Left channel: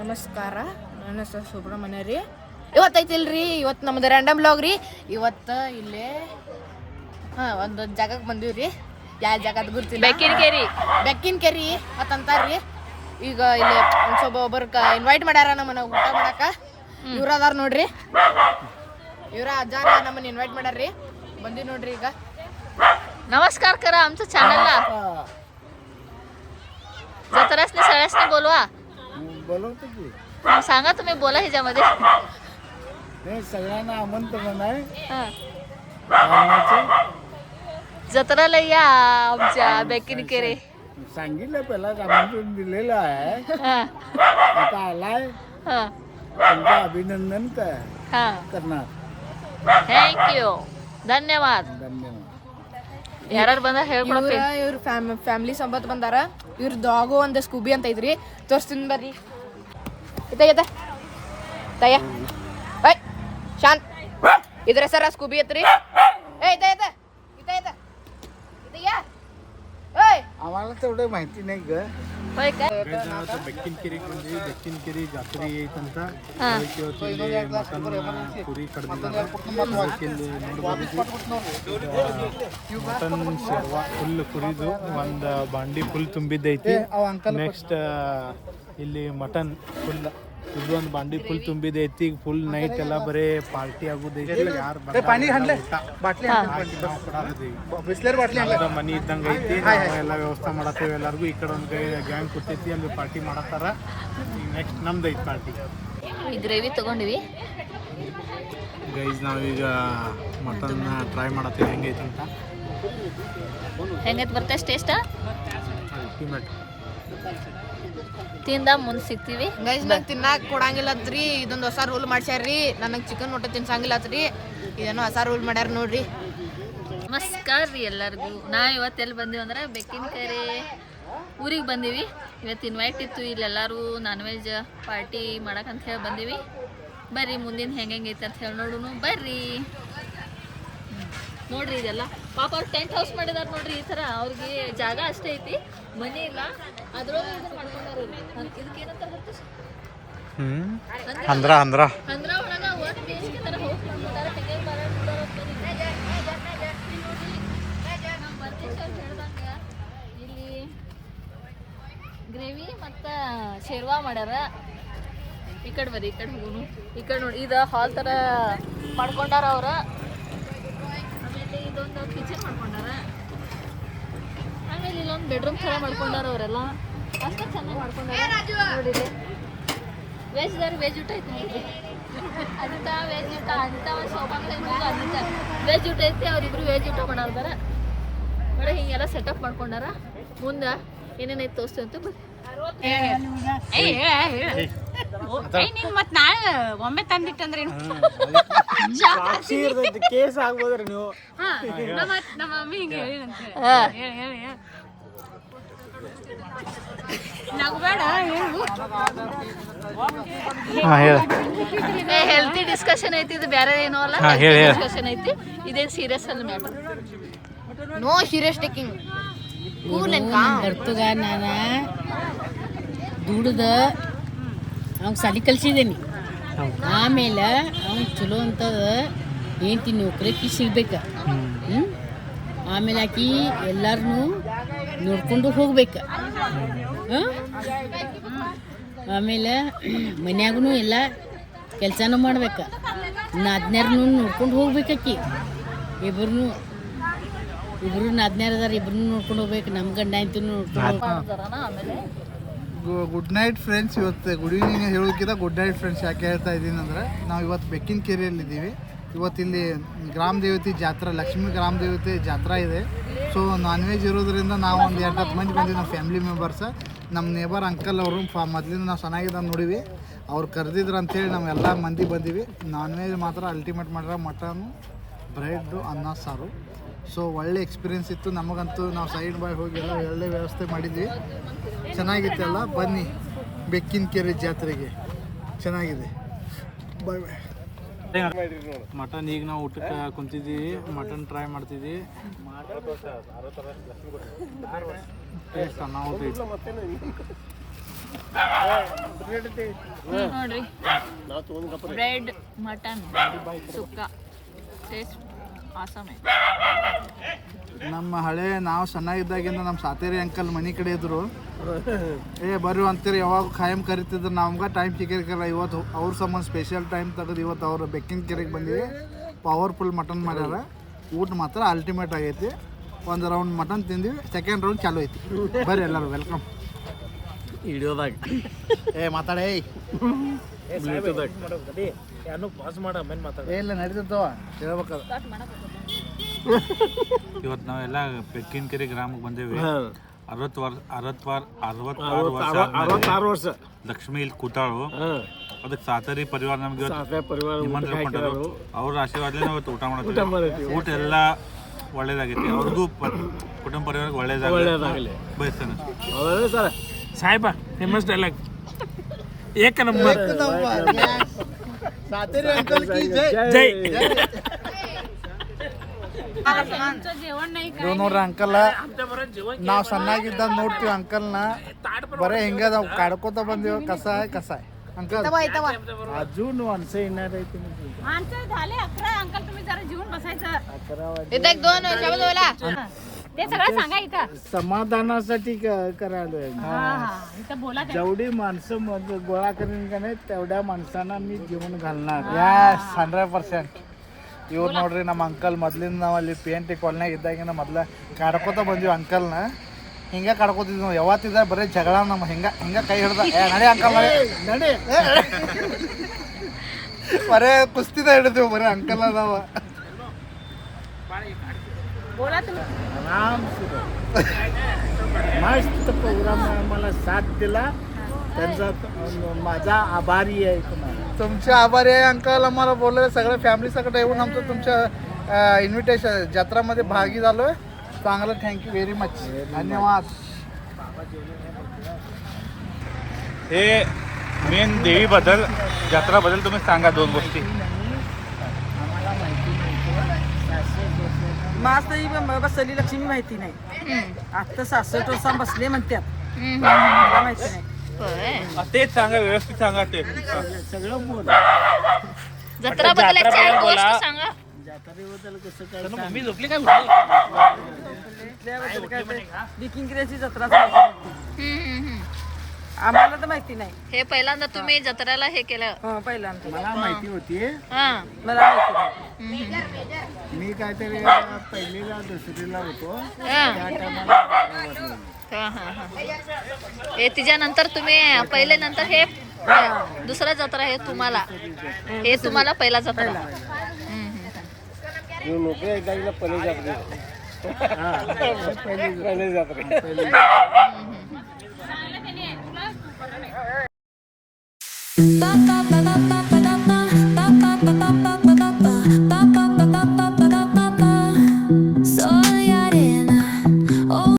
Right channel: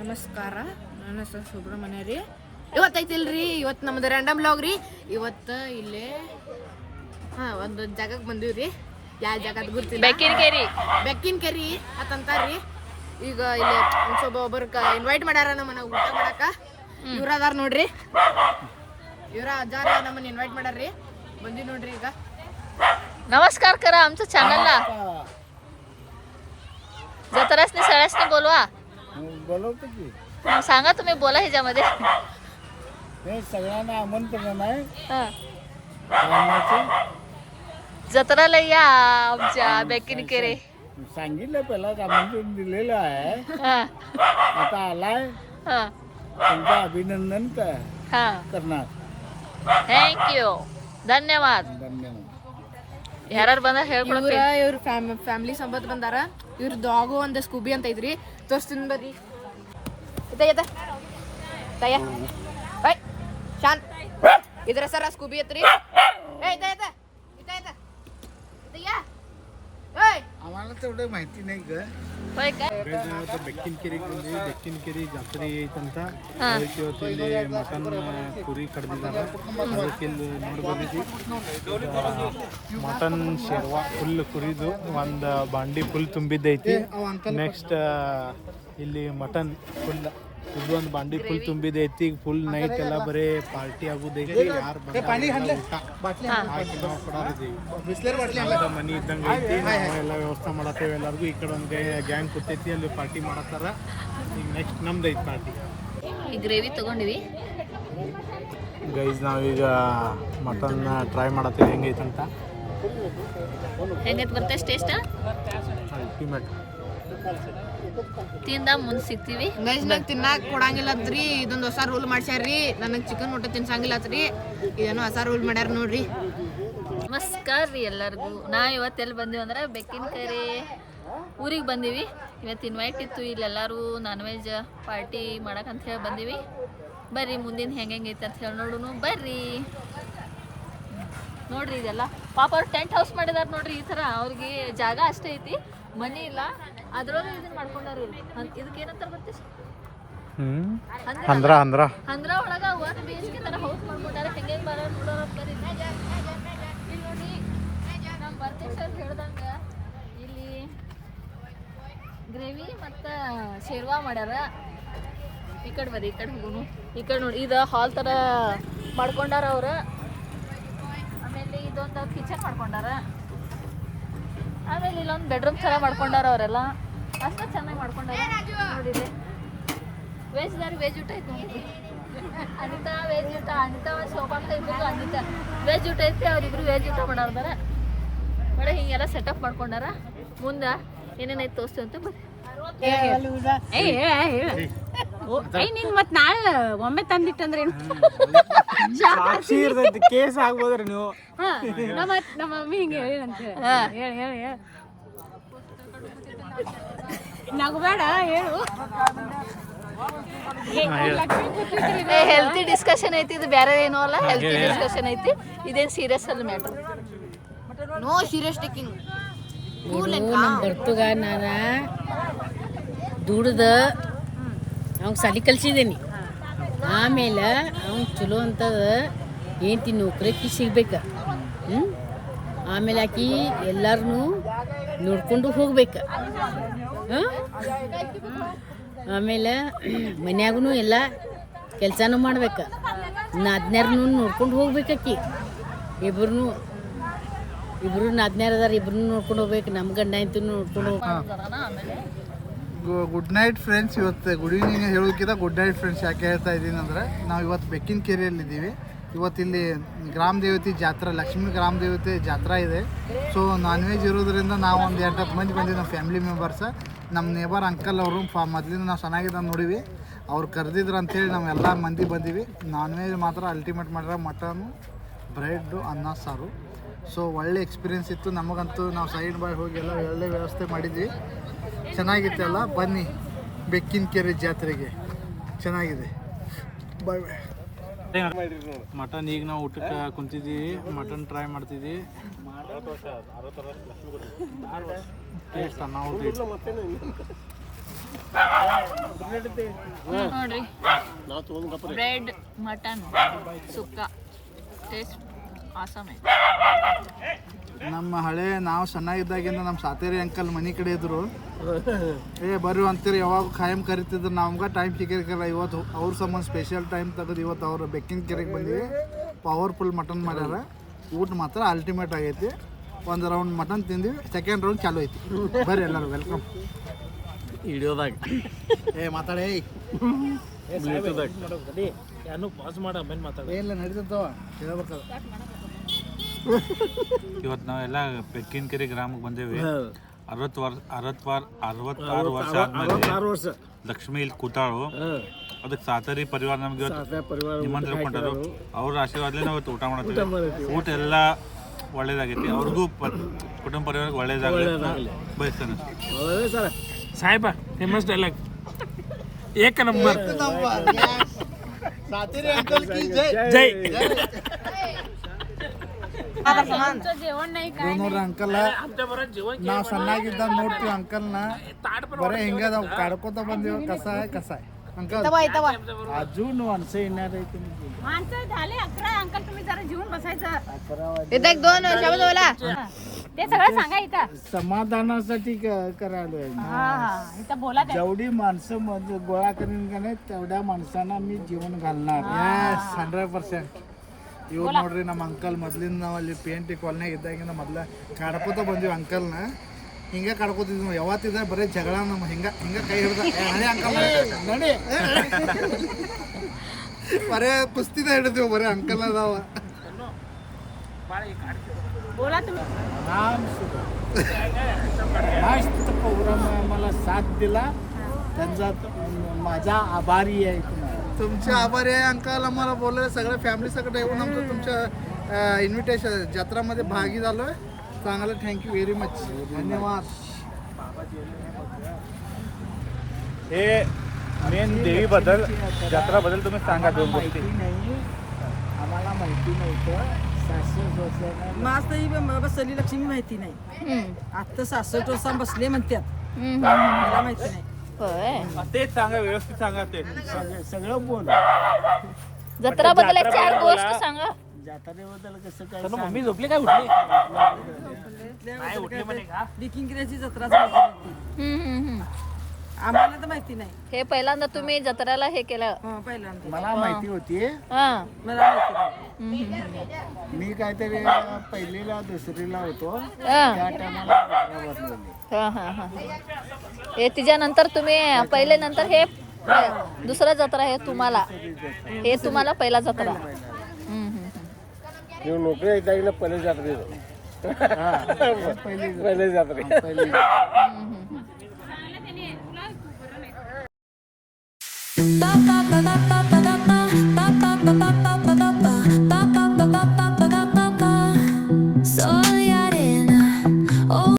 ನಮಸ್ಕಾರ, ನನ್ನ ಹೆಸರು ಸುಬ್ರಹ್ಮಣ್ಯ ರೀ. ಇವತ್ತೈತಿಲ್ರಿ, ಇವತ್ತು ನಮ್ದು ರ್ಯಾಂಡಮ್ ಬ್ಲಾಗ್ ರೀ. ಇವತ್ತು ಇಲ್ಲೇ ಒಂದು ಜಾಗಕ್ಕೆ ಬಂದೀವಿ ರೀ. ಯಾವ ಜಾಗದ ಗುರ್ತಿಲ್ಲ, ಬೆಕ್ಕಿನ ಕೆರಿ ಅಂತಂತಾರ್ರಿ. ಈಗ ಇಲ್ಲಿ ಸ್ವಲ್ಪ ಒಬ್ಬರ್ಕ ಇನ್ವೈಟ್ ಮಾಡ್ಯಾರ ನಮ್ಮನ್ನ ಊಟ ಮಾಡಾಕ. ಇವ್ರ ಅದಾರ ನೋಡ್ರಿ, ಇವ್ರ ಅಜ್ಜಾರ ನಮ್ಮನ್ನ ಇನ್ವೈಟ್ ಮಾಡ್ಯಾರ್ರಿ. ಬಂದಿ ನೋಡ್ರಿ. ಈಗ नमस्कार करा आमच्या चॅनलला. जत्रासनी सगळ्यासनी बोलवा. बोलवतो की सांगा तुम्ही, बोला ह्याच्यामध्ये. हे सगळ्यांना आमंत्रण आहे हा. आणायचं. जत्राला या आमच्या बेकिनकेरे. सांगितलं पहिलाच आमंत्रण दिलेलं आहे. हा. आता आलाय, हा. तुमचं अभिनंदन हा. करणार. थँक्यू, धन्यवाद. धन्यवाद. ಯಾರು ಬಂದ ಹೇಳ್ಕೊಡ್ತೀವಿ. ಇವ್ರ ಫ್ಯಾಮಿಲಿ ಸಂಬಂಧ ಬಂದಾರ. ಇವ್ರ ಡಾಗು ಒಂದು ಸ್ಕೂಬಿ ಅಂತ ಐತ್ರಿ, ತೋರಿಸ್ತೀನಿ ಬರ್ರಿ. ಇತ್ತ ತಯ್ಯ ಐ ಶಾಂತ್, ಇದ್ರ ಹೆಸರ ಸ್ಕೂಬಿ ಐತ್ರಿ. आम्हाला तेवढं माहिती नाही ग. होय काय? ಬೆಕ್ಕಿನ ಕೆರೆಗೆ ಬಂದಿವಿ. ಬೆಕ್ಕಿನ ಕೆರೆ ಜಾತ್ರೆ ಐತಂತ ಅದಕ್ಕೆ ಇವತ್ತು ಇಲ್ಲಿ ಮಟನ್ ಕುರಿ ಕಡ್ದಿದ್ದಾರೆ. ಅದಕ್ಕೆ ಇಲ್ಲಿ ನೋಡಿ ಬಂದಿದ್ವಿ. ಇದು ಮಟನ್ ಶೇರ್ವಾ ಫುಲ್ ಕುರಿದು ಒಂದು ಬಾಂಡಿ ಫುಲ್ ತುಂಬಿದ್ದೈತಿ. ನೆಕ್ಸ್ಟ್ ಇಲ್ಲಿ ಮಟನ್ ಫುಲ್ ಇದು ಒಂದು ಬಾಂಡಿ ಫುಲ್ ತುಂಬಿದೈತಿ. ಫುಲ್ ನೈಟ್ ಎಲ್ಲ ಬರೀ ಪಾರ್ಟಿ ಆಗೋದೈತಿ. ಯಾರು ಬಂದ ಊಟ ಹಾಕಿ ನಾವು ಕೊಡಾಕತ್ತೀವಿ. ಮನಿ ಇದ್ದಂಗೆ ಐತಿ. ನಾವು ಎಲ್ಲ ವ್ಯವಸ್ಥೆ ಮಾಡತ್ತೇವೆ. ಎಲ್ಲರಿಗೂ ಈ ಕಡೆ ಒಂದು ಗ್ಯಾಂಗ್ ಕೊಟ್ಟೈತಿ, ಅಲ್ಲಿ ಪಾರ್ಟಿ ಮಾಡತ್ತಾರ. ಈಗ ನೆಕ್ಸ್ಟ್ ನಮ್ದು ಐತಿ ಪಾರ್ಟಿ. ಈ ಗ್ರೇವಿ ತಗೊಂಡಿವಿ ಗೈಸ್. ನಾವೀಗ ಮಟನ್ ಟ್ರೈ ಮಾಡತ್ತೀವಿ ಹೆಂಗೈತಂತ. ಹೆಂಗೈತೆ ಬರ್ತೈತೆ ಟೇಸ್ಟ್? ಅಲ್ಟಿಮೇಟ್. ತಿಂದ ಮುಂದೆ ಸಿಗ್ತೀವಿ. ಗೈಸ್, ನಂಗೆ ತಿನ್ನಾಕ ಕೊಡಂಗಿಲ್ಲತ್ರಿ. ಇದೊಂದು ಹೊಸ ರೂಲ್ ಮಾಡ್ಸ್ಯಾರ್ರಿ. ನನಗೆ ಚಿಕನ್ ಊಟ ತಿನ್ಸಂಗಿಲ್ಲತ್ರಿ. ಇದೇನೋ ಹೊಸ ರೂಲ್ ಮಾಡ್ಯಾರ ನೋಡ್ರಿ. ನಮಸ್ಕಾರ ರೀ ಎಲ್ಲರಿಗೂ. ನಾವು ಇವತ್ತು ಎಲ್ಲಿ ಬಂದೀವಿ ಅಂದ್ರೆ ಬೆಕ್ಕಿನಕೆರೆ ಊರಿಗೆ ಬಂದೀವಿ. ಇವತ್ತು ಇನ್ವೈಟ್ ಇತ್ತು, ಇಲ್ಲೆಲ್ಲರೂ ನಾನ್ ವೆಜ್ ಪಾರ್ಟಿ ಮಾಡಕ್ಕಂತ ಹೇಳಿ ಬಂದೀವಿ. ಬರ್ರಿ ಮುಂದಿನ ಹೆಂಗೈತೆ ಅಂತ ಹೇಳಿ ನೋಡೋಣ ಬರ್ರಿ. ನೋಡ್ರಿ, ಇದೆಲ್ಲ ಪಾಪ ಅವ್ರು ಟೆಂಟ್ ಹೌಸ್ ಮಾಡಿದಾರೆ ನೋಡ್ರಿ. ಈ ಥರ ಅವ್ರಿಗೆ ಜಾಗ ಅಷ್ಟೇ ಐತಿ, ಮನೆ ಇಲ್ಲ. ಅದ್ರೊಳಗೆ ಇದನ್ನ ಮಾಡ್ಕೊಂಡಾರ. ಇದಕ್ಕೆ ಏನಂತ ಬರ್ತದೆ? ಅಂದ್ರ ಒಳಗ ಒಂದು ಬೇಸಿಗೆ ಥರ ಹೌಸ್ ಮಾಡ್ಕೊಂಡಾರ. ನಮ್ಮ ಬರ್ತೇಶ್ ಅವ್ರು ಹೇಳ್ದಂಗೆ ಇಲ್ಲಿ ಗ್ರೇವಿ ಮತ್ತು ಶೇರ್ವಾ ಮಾಡ್ಯಾರ. ಈ ಕಡೆ ಬರ್ರಿ, ಈ ಕಡೆ ಹೋಗೋನು. ಈ ಕಡೆ ನೋಡಿ, ಇದು ಹಾಲ್ ಥರ ಮಾಡ್ಕೊಂಡಾರ ಅವ್ರ. ಆಮೇಲೆ ಇದೊಂದು ಕಿಚನ್ ಮಾಡ್ಕೊಂಡಾರ. ಆಮೇಲೆ ಇಲ್ಲೊಂದು ಬೆಡ್ರೂಮ್ ಚೆನ್ನಾಗಿ ಮಾಡ್ಕೊಂಡಾರ ಅವರೆಲ್ಲ. ಅಷ್ಟು ಚೆನ್ನಾಗಿ ಮಾಡ್ಕೊಂಡಾರ ನೋಡಿರಿ. ವೆಜ್ ಊಟ ಐತಿ ನೋಡಿರಿ. ಅನಿತಾ ವೆಜ್ ಊಟ, ಅನಿತಾ ಒಂದು ಶೋಭಾಕ ಇಬ್ಬರು ಅನಿತಾ ವೆಜ್ ಊಟ ಐತಿ. ಅವರಿಬ್ರು ವೆಜ್ ಊಟ ಮಾಡಾರ್ದಾರ ನೋಡಿ. ಹಿಂಗೆಲ್ಲ ಸೆಟಪ್ ಮಾಡ್ಕೊಂಡಾರ. ಮುಂದೆ ಏನೇನೈತೆ ತೋರಿಸ್ತೀವಿ ಅಂತ ಬರ್ರಿ. ಮತ್ ನಾಳೆ ಒಮ್ಮೆ ತಂದಿಟ್ಟಂದ್ರೆ ಕೇಸ್ ಆಗ್ಬೋದ್ರಿ ನೀವು. ನಮ್ಮ ಮಮ್ಮಿ ಹಿಂಗೆ ಹೇಳಿ ಅಂತ ಹೇಳಿ ನಗಬೇಡ ಹೇಳು. ಹೆಲ್ತಿ ಡಿಸ್ಕಷನ್ ಐತಿ. ಇದು ಬೇರೆ ಏನೋ ಅಲ್ಲ, ಡಿಸ್ಕಷನ್ ಐತಿ. ಇದೇನು ಸೀರಿಯಸ್ ಅಲ್ಲ ಮ್ಯಾಟರ್. No serious taking. ನಮ್ಮ ಬರ್ತಗ ನಾನು ದುಡ್ದು ಅವ್ಗೆ ಸಾಲಿ ಕಲ್ಸಿದ್ದೀನಿ. ಆಮೇಲೆ ಅವ್ನು ಚಲೋ ಅಂತದ ಏಂತಿ ನೌಕರಿ ಸಿಗ್ಬೇಕು. ಆಮೇಲೆ ಆಕಿ ಎಲ್ಲರನ್ನೂ ನೋಡ್ಕೊಂಡು ಹೋಗ್ಬೇಕು. ಆಮೇಲೆ ಮನ್ಯಾಗೂ ಎಲ್ಲ ಕೆಲಸನೂ ಮಾಡ್ಬೇಕು. ನಾದ್ನ್ಯಾರನ್ನೂ ನೋಡ್ಕೊಂಡು ಹೋಗ್ಬೇಕಾಕಿ. ಇಬ್ರು ನಾದ್ನ್ಯಾರ ಅದಾರ, ಇಬ್ರು ನೋಡ್ಕೊಂಡು ಹೋಗ್ಬೇಕು. ನಮ್ಮ ಗಂಡ ಆಯ್ತು ನೋಡ್ಕೊಂಡು ಹೋಗ್ಬೇಕು. Good night friends. ಇವತ್ತು ಗುಡ್ ಈವ್ನಿಂಗ್ ಹೇಳೋಕ್ಕಿಂತ ಗುಡ್ ನೈಟ್ ಫ್ರೆಂಡ್ಸ್ ಯಾಕೆ ಹೇಳ್ತಾ ಇದ್ದೀನಿ ಅಂದರೆ, ನಾವು ಇವತ್ತು ಬೆಕ್ಕಿನ ಕೆರೆಯಲ್ಲಿದ್ದೀವಿ. ಇವತ್ತಿಲ್ಲಿ ಗ್ರಾಮ ದೇವತೆ ಜಾತ್ರೆ, ಲಕ್ಷ್ಮೀ ಗ್ರಾಮ ದೇವತೆ ಜಾತ್ರೆ ಇದೆ. ಸೊ ನಾನ್ ವೆಜ್ ಇರೋದ್ರಿಂದ ನಾವು ಒಂದು 8-10 ಮಂದಿ ಬಂದಿವಿ. ನಮ್ಮ ಫ್ಯಾಮಿಲಿ ಮೆಂಬರ್ಸ್, ನಮ್ಮ ನೇಬರ್ ಅಂಕಲ್ ಅವರು ಮೊದಲಿಂದ ನಾವು ಚೆನ್ನಾಗಿದೆ ನೋಡಿವಿ. ಅವ್ರು ಕರೆದಿದ್ರು ಅಂಥೇಳಿ ನಾವೆಲ್ಲ ಮಂದಿ ಬಂದೀವಿ. ನಾನ್ ವೆಜ್ ಮಾತ್ರ ಅಲ್ಟಿಮೇಟ್ ಮಾಡ್ಯಾರ. ಮಟನು, ಬ್ರೆಡ್ಡು, ಅನ್ನ ಸಾರು. ಸೊ ಒಳ್ಳೆ ಎಕ್ಸ್ಪೀರಿಯೆನ್ಸ್ ಇತ್ತು ನಮಗಂತೂ. ನಾವು ಸೈಡ್ ಬಾಯ್ ಹೋಗಿ ಎಲ್ಲ ಒಳ್ಳೆ ವ್ಯವಸ್ಥೆ ಮಾಡಿದ್ವಿ. ಚೆನ್ನಾಗಿತ್ತಲ್ಲ. ಬನ್ನಿ ಬೆಕ್ಕಿನ ಕೆರೆ ಜಾತ್ರೆಗೆ, ಚೆನ್ನಾಗಿದೆ. ಬಾಯ್ ಬಾಯ್. ಮಟನ್ ಈಗ ನಾವು ಊಟಕ್ಕೆ ಕುಂತಿದ್ದೀವಿ. ಮಟನ್ ಟ್ರೈ ಮಾಡ್ತಿದ್ದೀವಿ. ಟೇಸ್ಟ್ ಅನ್ನಾವತ್ತೈತಿ. ನೋಡ್ರಿ ಬ್ರೆಡ್ ಮಟನ್ ಸುಕ್ಕ ಟೇಸ್ಟ್ ಆಸಮ್ ಐತೆ. ನಮ್ಮ ಹಳೆ ನಾವು ಸಣ್ಣಗಿದ್ದಾಗಿಂದ ನಮ್ಮ ಸಾತೇರಿ ಅಂಕಲ್ ಮನೆ ಕಡೆ ಇದ್ರು. ಬರ್ರಿ ಅಂತೀರಿ ಯಾವಾಗ ಖಾಯಂ ಕರಿತಿದ್ರು. ನಮ್ಗೆ ಟೈಮ್ ಸಿಕ್ಕಿರಲ್ಲ. ಇವತ್ತು ಅವ್ರ ಸಂಬಂಧ ಸ್ಪೆಷಲ್ ಟೈಮ್ ತೆಗೆದು ಇವತ್ತು ಅವ್ರು ಬೆಕ್ಕಿನ ಕೆರೆಗೆ ಬಂದಿವಿ. ಪವರ್ಫುಲ್ ಮಟನ್ ಮಾಡ್ಯಾರ. ಊಟ ಮಾತ್ರ ಅಲ್ಟಿಮೇಟ್ ಆಗೈತಿ. ಒಂದು ರೌಂಡ್ ಮಟನ್ ತಿಂದಿವಿ, ಸೆಕೆಂಡ್ ರೌಂಡ್ ಚಾಲು ಐತಿ. ಬರ್ರಿ ಎಲ್ಲರೂ ವೆಲ್ಕಮ್. ವಿಡಿಯೋದಾಗ ಮಾತಾಡೇ ಇಲ್ಲ ನಡೀತವ ಹೇಳ್ಬೇಕಲ್ಲ. ಇವತ್ತು ನಾವೆಲ್ಲ ಬೆಕ್ಕಿನ ಕೆರೆ ಗ್ರಾಮಕ್ಕೆ ಬಂದೇವಿ. 66 ವರ್ಷ ಆದ್ಮೇಲೆ ಲಕ್ಷ್ಮಿ ಇಲ್ಲಿ ಕೂತಾಳು. ಅದಕ್ಕೆ ಸಾತರಿ ಪರಿವಾರ ನಮ್ಗೆ ನಿಮಂತ್ರಣ ಕೊಟ್ಟರು. ಅವ್ರ ಆಶೀರ್ವಾದಲೇ ನಾವು ಇವತ್ತು ಊಟ ಮಾಡ್ತೀವಿ. ಊಟ ಎಲ್ಲ ಒಳ್ಳೇದಾಗೈತಿ. ಅವ್ರಿಗೂ ಕುಟುಂಬ ಪರಿವಾರಕ್ಕೆ ಒಳ್ಳೇದಾಗಲಿ ಬಯಸ್ತೇನೆ. ಸಾಹೇಬ ಫೇಮಸ್ ಡೈಲಾಗ್ ಏಕ ನಂಬರ್ ಜೈ. ಇವ್ ನೋಡ್ರಿ ಅಂಕಲ್, ನಾವು ಸಣ್ಣಾಗಿದ್ದ ನೋಡ್ತೀವಿ ಅಂಕಲ್ನ. ಬರೇ ಹಿಂಗ ನಾವು ಕಾಡ್ಕೋತ ಬಂದೀವಿ. ಕಸ अंकल अजून माणसं येणार आहे माणसं झाले 11 अंकल. तुम्ही जरा जीवन बसायचं. 11 वाजले. इथे 2 शब्द बोला. ते सगळं सांगा इथं. समाधानासाठी करायलोय. इथं बोला. जेवढी माणसं गोळा करीन का नाही तेवढ्या माणसांना मी जीवन घालणार. यस 100%. ಇವ್ರು ನೋಡ್ರಿ ನಮ್ಮ ಅಂಕಲ್ ಮೊದ್ಲಿಂದ ನಾವು ಅಲ್ಲಿ PNT ಕಾಲೋನಿಯಾಗ ಇದ್ದಾಗಿನ ಮೊದ್ಲ ಕಾಡ್ಕೋತ ಬಂದೀವಿ ಅಂಕಲ್ನ. ಹಿಂಗೆ ಕಾಡ್ಕೋತಿದ್ವಿ ನಾವು. ಯಾವತ್ತಿದ್ದ ಬರೀ ಜಗಳ ನಮ್ಮ ಹಿಂಗ ಕೈ ಹಿಡ್ದ ನಡಿ ಅಂಕಲ್ ನಡಿ ಬರೇ ಕುಸ್ತಿದ ಹಿಡಿದೀವಿ ಬರೀ ಅಂಕಲ್ ನಾವು. आराम से मस्त प्रोग्राम आम्हाला साथ दिला. त्यांचा माझा आभारी आहे तुम्हाला. तुमचे आभारी आहे अंकल. आम्हाला बोलले सगळ्या फॅमिली सगळं येऊन आमचं तुमच्या इन्व्हिटेशन जत्रामध्ये भागी झालो आहे. चांगलं थँक्यू व्हेरी मच. धन्यवाद. हे मेन देवीबद्दल जत्राबद्दल तुम्ही सांगा 2 गोष्टी. आम्हाला माहिती नव्हतं. मास्तर बसली लक्ष्मी माहिती नाही. आता 66 वर्षां बसले म्हणतात. मला माहिती नाही. तेच सांगा, व्यवस्थित सांगा. ते सगळं बोल. जत्रा बद्दल एक 4 गोष्ट सांगा. जत्रेबद्दल कसं काय मम्मी झोपली काय उठली बिकिंग किराची जत्रा आम्हाला तर माहिती नाही. हे पहिल्यांदा तुम्ही जत्रेला हे केलं. पहिल्यांदा मला माहिती होती. हा. मला माहिती नाही. मी काहीतरी पहिलीला दुसरीला होतो. हा. त्या टायमाला जत्रा भरलेली. हा हा हा. हे तिच्यानंतर तुम्ही पहिले नंतर हे दुसरा जत्रा हे तुम्हाला पहिला जत्रा. नोकरी एकदा पहिले जत्रे. पहिले जत्रे.